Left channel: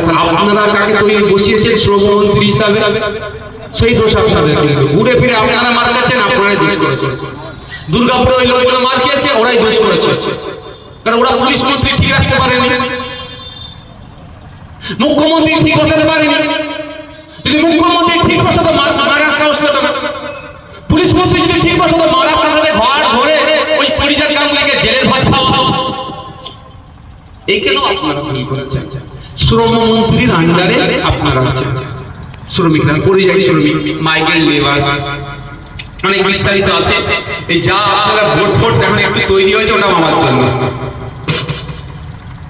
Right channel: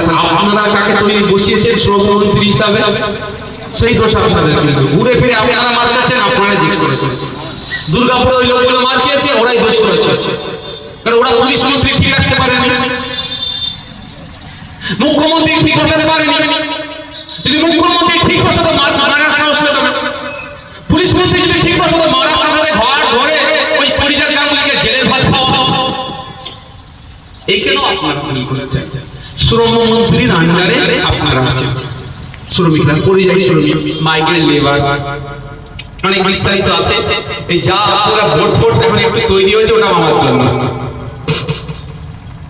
তাহলে আপনারা কাকে তৈরি বসিয়েছেন? শ্রমমন্ত্রী হিসাবে। সেই দোষ আপনাদের কিন্তু ঘুরে ফিরে আপনারা মার কাছেন আপনারাই দোষ করেছেন। দুর্গাপুরে ওই লোকগুলো মার খেয়েছে, ওরাই দোষ করেছে। কারণ ওরা পুলিশ মন্ত্রী ঠিক রাখতে পারেনি। মুখ্যমন্ত্রী ঠিক বসাতে পারেনি। যদি মুখ্যমন্ত্রী ঠিক বসাতে সাহস পেত। পুলিশ মন্ত্রী যদি ঠিক বসাতে সাথে ঘর ঘরে ওই এই কেন আপনারা ভুল করেছেন? শ্রমমন্ত্রীর আন্ডারে আপনারা আছেন। শ্রমিকরা, পরিযায়ী শ্রমিক মাইগ্রেন্ট লেবার অনেক বিস্তারিত আছে। এই যা আপনারা ভোট ফোট এখন একটু তৈরি হয়েছে ওটা আমার জন্য।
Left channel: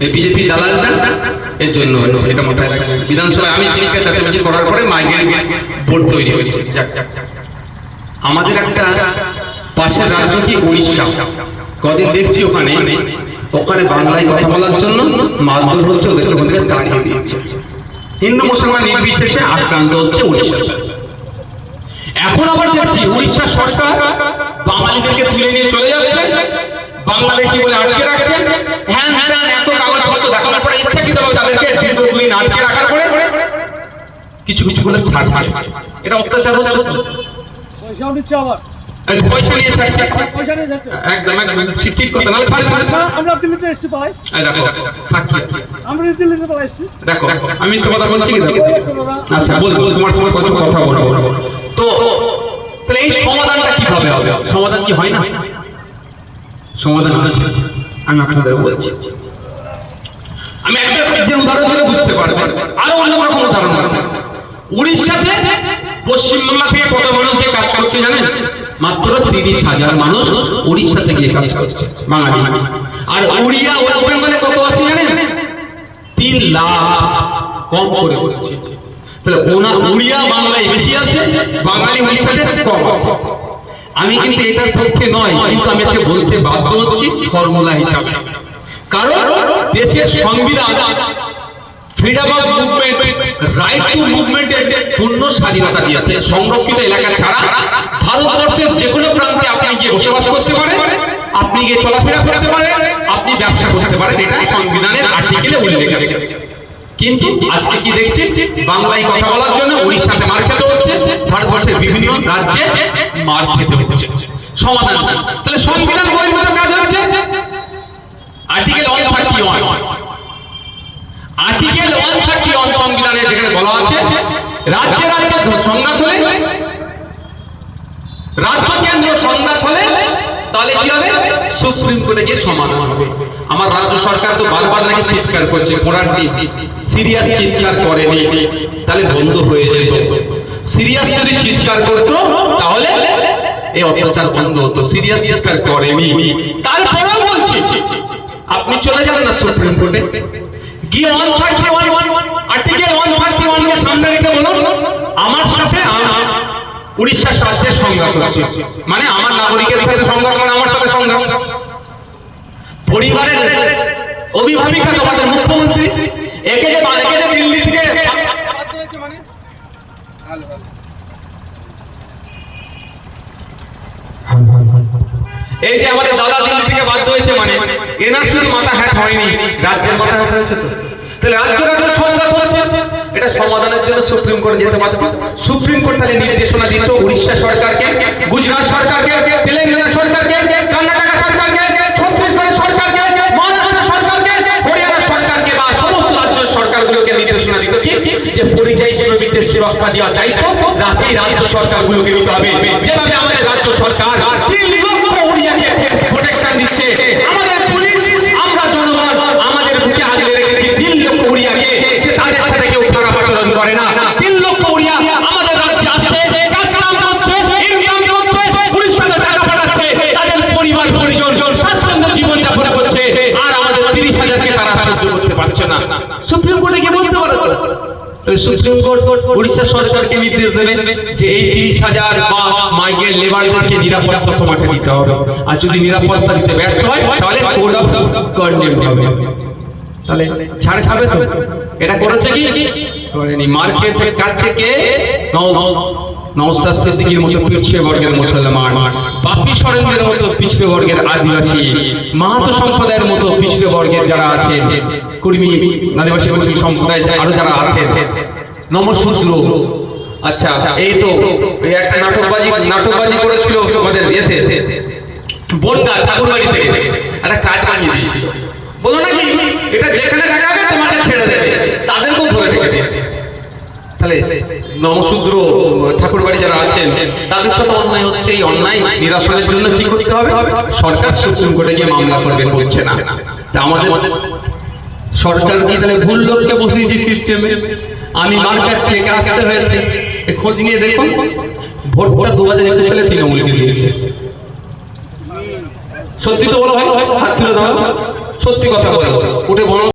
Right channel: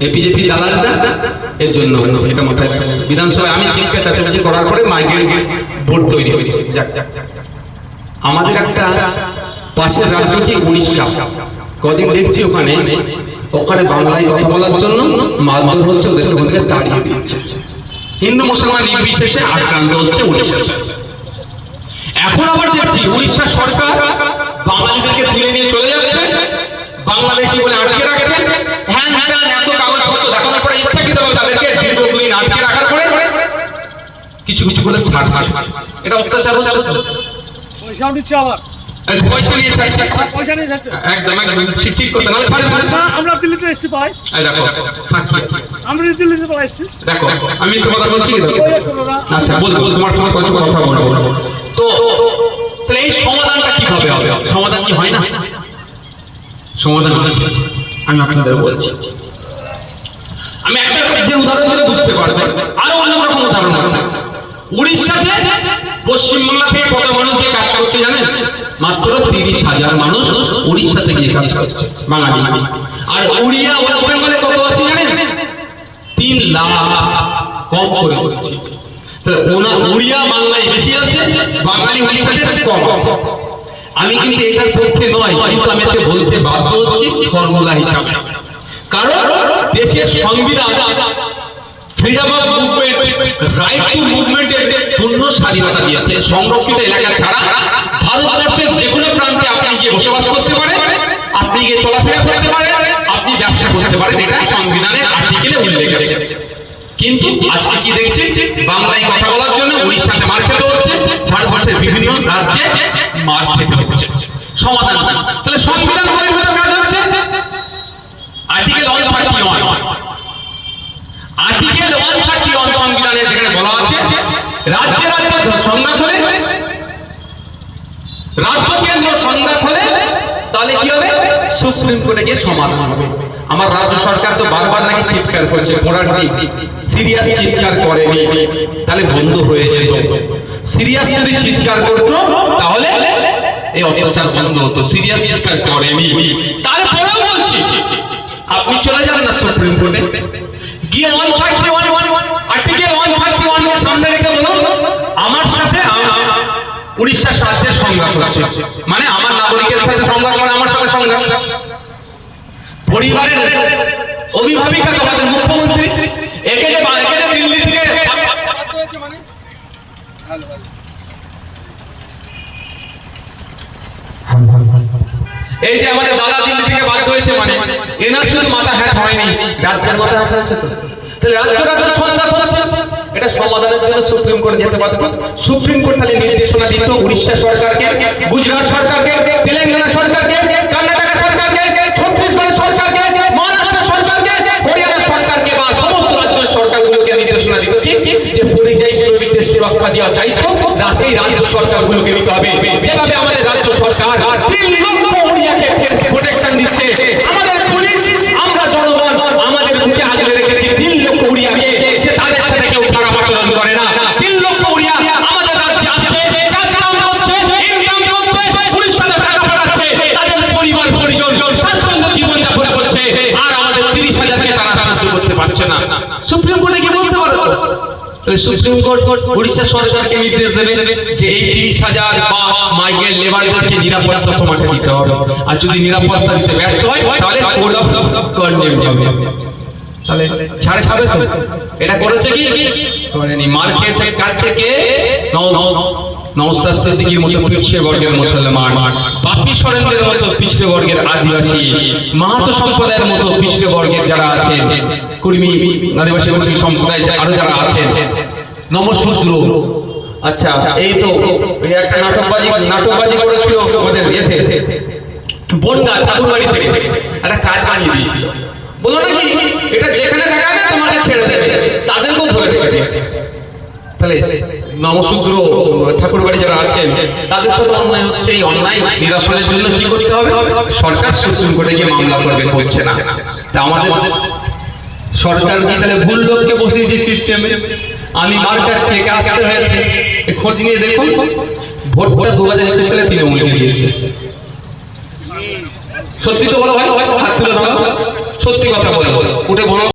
এই বিজেপি দালালদের এর জন্য হয়েছে এটা মাথায় বিধানসভায় আমি চিকিৎসা চাষাবাজি করার পরে মাইগ্রেন্ট বোর্ড তৈরি হয়েছে। আমাদের একটা পাশের রাজ্য কি উড়িষ্যা। কদিন দেখছি ওখানে ওখানে বাংলায় কথা বলার জন্য মারধর হচ্ছে ওদের থেকে তাড়িয়ে দিচ্ছে হিন্দু মুসলমান নির্বিশেষে আক্রান্ত হচ্ছে উড়িষ্যা। এখন আবার দেখছি উড়িষ্যা সরকার বাঙালিদেরকে তুলে নিয়ে চলে যাচ্ছে, বাংলাদেশি বলে আটকে রাখছে। হ্যান ত্যান এত কাগজপত্র দেখানোর পরে ইচ্ছাকৃত তাদেরকে দীর্ঘদিন আটকে রাখার পরে? কিছু কিছু করে ছাড় ছাড় এটা অত্যাচার হচ্ছে। পয়সাও নিচ্ছে আবার। পয়সা নিয়ে ছাড় ছাড় ছাড়। পয়সা নিয়ে যাচ্ছে। একদম একদম ঠিক ঠিক কথা। না ছাড় ছাড়। ছাড়। আমরা দিল্লিতে এসছি পাই সাক্ষী। আমরা দিল্লিতে পাই এসছি। দেখো আমি তো কথা বলছি কি দেখো? ওই একটা দাদা, আচ্ছা বলব তোমার সঙ্গে কথা বলব তো তাহলে এই সমাধানটা কীভাবে হবে? সমাধান কি হয় না? সমাধান আছে আমি আপনাদের বলছি। আমি একটা যে উদাহরণ দিলে বুঝতে পারবেন আরও অন্য রকম উদাহরণ আছে। উড়িষ্যাতে পশ্চিমবাংলা থেকে কত মানুষ যে কাজ করছে জানেন? মাত্র তিরিশ হাজার মানুষ উড়িষ্যা থেকে কাজ করছে বাঙালি। আর উড়িয়া ওয়েস্ট বেঙ্গলে কত আছে তিন লাখ কম করে তাহলে ওনা উড়িয়া বাংলায় বেশি আছে, বাঙালি কম আছে। আমি কিন্তু এটার পক্ষে নয়, কিন্তু আমি আজকে বলতে বাধ্য হচ্ছি ফর্মুলা হিসাবে। কারণ দেশের সংবিধান freedom of movement right to মুভমেন্টের পূর্ণ স্বাধীনতা দিয়েছে, সংরক্ষিত এলাকা ছাড়া ভারতবর্ষের যে কোনো প্রান্তে আপনি গিয়ে বসবাস করতে পারেন আপনি গিয়ে চলাফেরা করতে পারেন আপনি ব্যবসা করতে পারেন, এটা সংবিধানের আর্টিকেলে উল্লেখ আছে। কিন্তু আজকে কি দেখছি বাংলায় কথা বলার জন্য উড়িষ্যাতে মার খেতে হচ্ছে, ভারতবর্ষের বিভিন্ন রাজ্যে মার খেতে হচ্ছে। সমাধান তাহলে সংবিধান বহির্ভূত কাজ হচ্ছে? Article one thirty one article one thirty one সংবিধানে যেখানে বলা আছে, রাজ্যে রাজ্যে সংঘাত হলে রাজ্য কেন্দ্র সংঘাত হলে তাহলে কি হবে সুপ্রিম কোর্টে গিয়ে সমাধান হবে। আমার রাজ্য সরকার তো বারবার নাকি চিৎকার করছে পড়ার দিন সিরিয়াস চিৎকার করেনি তাহলে বন্ধ হয়ে যেত সিরিয়াস যদি চিৎকার করতো, তাহলে এই অত্যাচার বন্ধ হতো। সিরিয়াস চিৎকার করেনি তারপরেও বলছি, আপনি চলে যাবেন না সুপ্রিম কোর্টে। গিয়ে one thirty one article one thirty ওয়ানের সামনে রেখে বলুন, আমার সাথে উড়িষ্যার সাথে সংঘাত হচ্ছে। মানে আমার নাগরিকের সাথে সংঘাত মানে আমার সাথে সংঘাত পরিবারের অভিভাবিকা তোমাদের মুখ্যমন্ত্রী একে যে এই যে আমাদের দাদা দিল্লি থেকে বাধ্য হয়েছে মানে মাথা হ্যাট হয়নি রাজ্যের মাথা হ্যাট হয়েছে তো। তাহলে রাজ্য রাজ্যের সংঘাত হচ্ছে। এটা সমাধানের জন্য সুপ্রিম কোর্টে যেতে পারত সুপ্রিম কোর্ট তাহলে নির্দেশনা দিত উড়িষ্যা সরকারকে, গুজরাট সরকারকে, তেলেঙ্গানা সরকারকে কর্ণাটক সরকারকে ছত্তিশগড় সরকারকে মহারাষ্ট্র সরকারকে হরিয়ানা সরকারকে বা সমস্ত রাজ্য সরকারগুলোকে নির্দেশনা দিত কি যে পরিযায়ী শ্রমিকদের সুরক্ষা দেওয়ার দায়িত্ব না সেই রাজ্য সরকারগুলোকে নিতে হবে যেভাবে আমাদের রাজ্য সরকার তিন লক্ষ উড়িয়াকে প্রোটেকশন দিচ্ছে আমাদের পুলিশ আমরা জনগণ আমাদের বুকে আগলে রেখেছি তিন লক্ষ উড়িয়াকে যে তাদের সাথে কেউ খারাপ আচরণ করে না তিন লক্ষ উড়িয়া আমাদের রাজ্যে আসছে কাজ কাম করছে ইনকাম করছে উড়িষ্যাতে টাকা পাঠাচ্ছে তাদের পরিবার পরিজন স্বাচ্ছন্দ্য জীবন যাপন করছে আর আমাদের তিরিশ হাজারকে তারা সাহায্য করতে পারছে না সুপ্রিম কোর্টে গিয়ে বলতে পারো তাহলে সুপ্রিম কোর্ট উড়িষ্যা সরকারকে নির্দেশ দেবে যে এই তিরিশ হাজার বা লেবারদেরকে নিরাপত্তা তোমাকে দিতে হবে। আর যদি নিরাপত্তা দিতে ব্যর্থ হয়, তাহলে কোড অফ কন্ডেম হবে। তাহলে তো। এটা করেছে কি? মার খেয়েছে কাছে কে? সিদ্দিকীর মতো পিছিয়ে বর্গের মুসলমান। সরেন্দ্রের মতো পিছিয়ে বর্গের আদিবাসী। মাহাতো সম্প্রদায়ের মতো পিছিয়ে বর্গের যারা আছে কুর্মী আদিবাসী সম্প্রদায় আরও যারা আছেন নমশূদ্র আচ্ছা এই তো একটা নাটকবাজি নাটকবাজি করেছিল আমাদের ইয়েতে। বনগা ঠাকুরবাড়ি থেকে একটা কাজ বানিয়ে দিয়েছি। বলো নাকি এটা যেখানে দেখাবে তোমাকে ছেড়ে দেবে। তাদেরকেও ধরে রেখে দিয়েছে। তাহলে নমশূদ্র ঠাকুরবাড়ি যারা আছেন, তাদের সাথে অন্যায় হচ্ছে এই অন্যায় নিরসনের জন্য কি করতে হবে? সরকার সুপ্রিম কোর্টে গিয়ে মামলা করবে হচ্ছে না। তা আমাদের সরকার কি তাহলে ভুল লোককে বসিয়েছি সিস্টেমে আমি মার কাছে একে আসতে হয়েছে। খোঁজ নিয়ে দেখুন, ভোটটা দু হাজার একুশ সালে তৃণমূলকে দিয়েছে। সত্যি তো বলো ভাই হাত তুলে ধরো। সত্যি কথা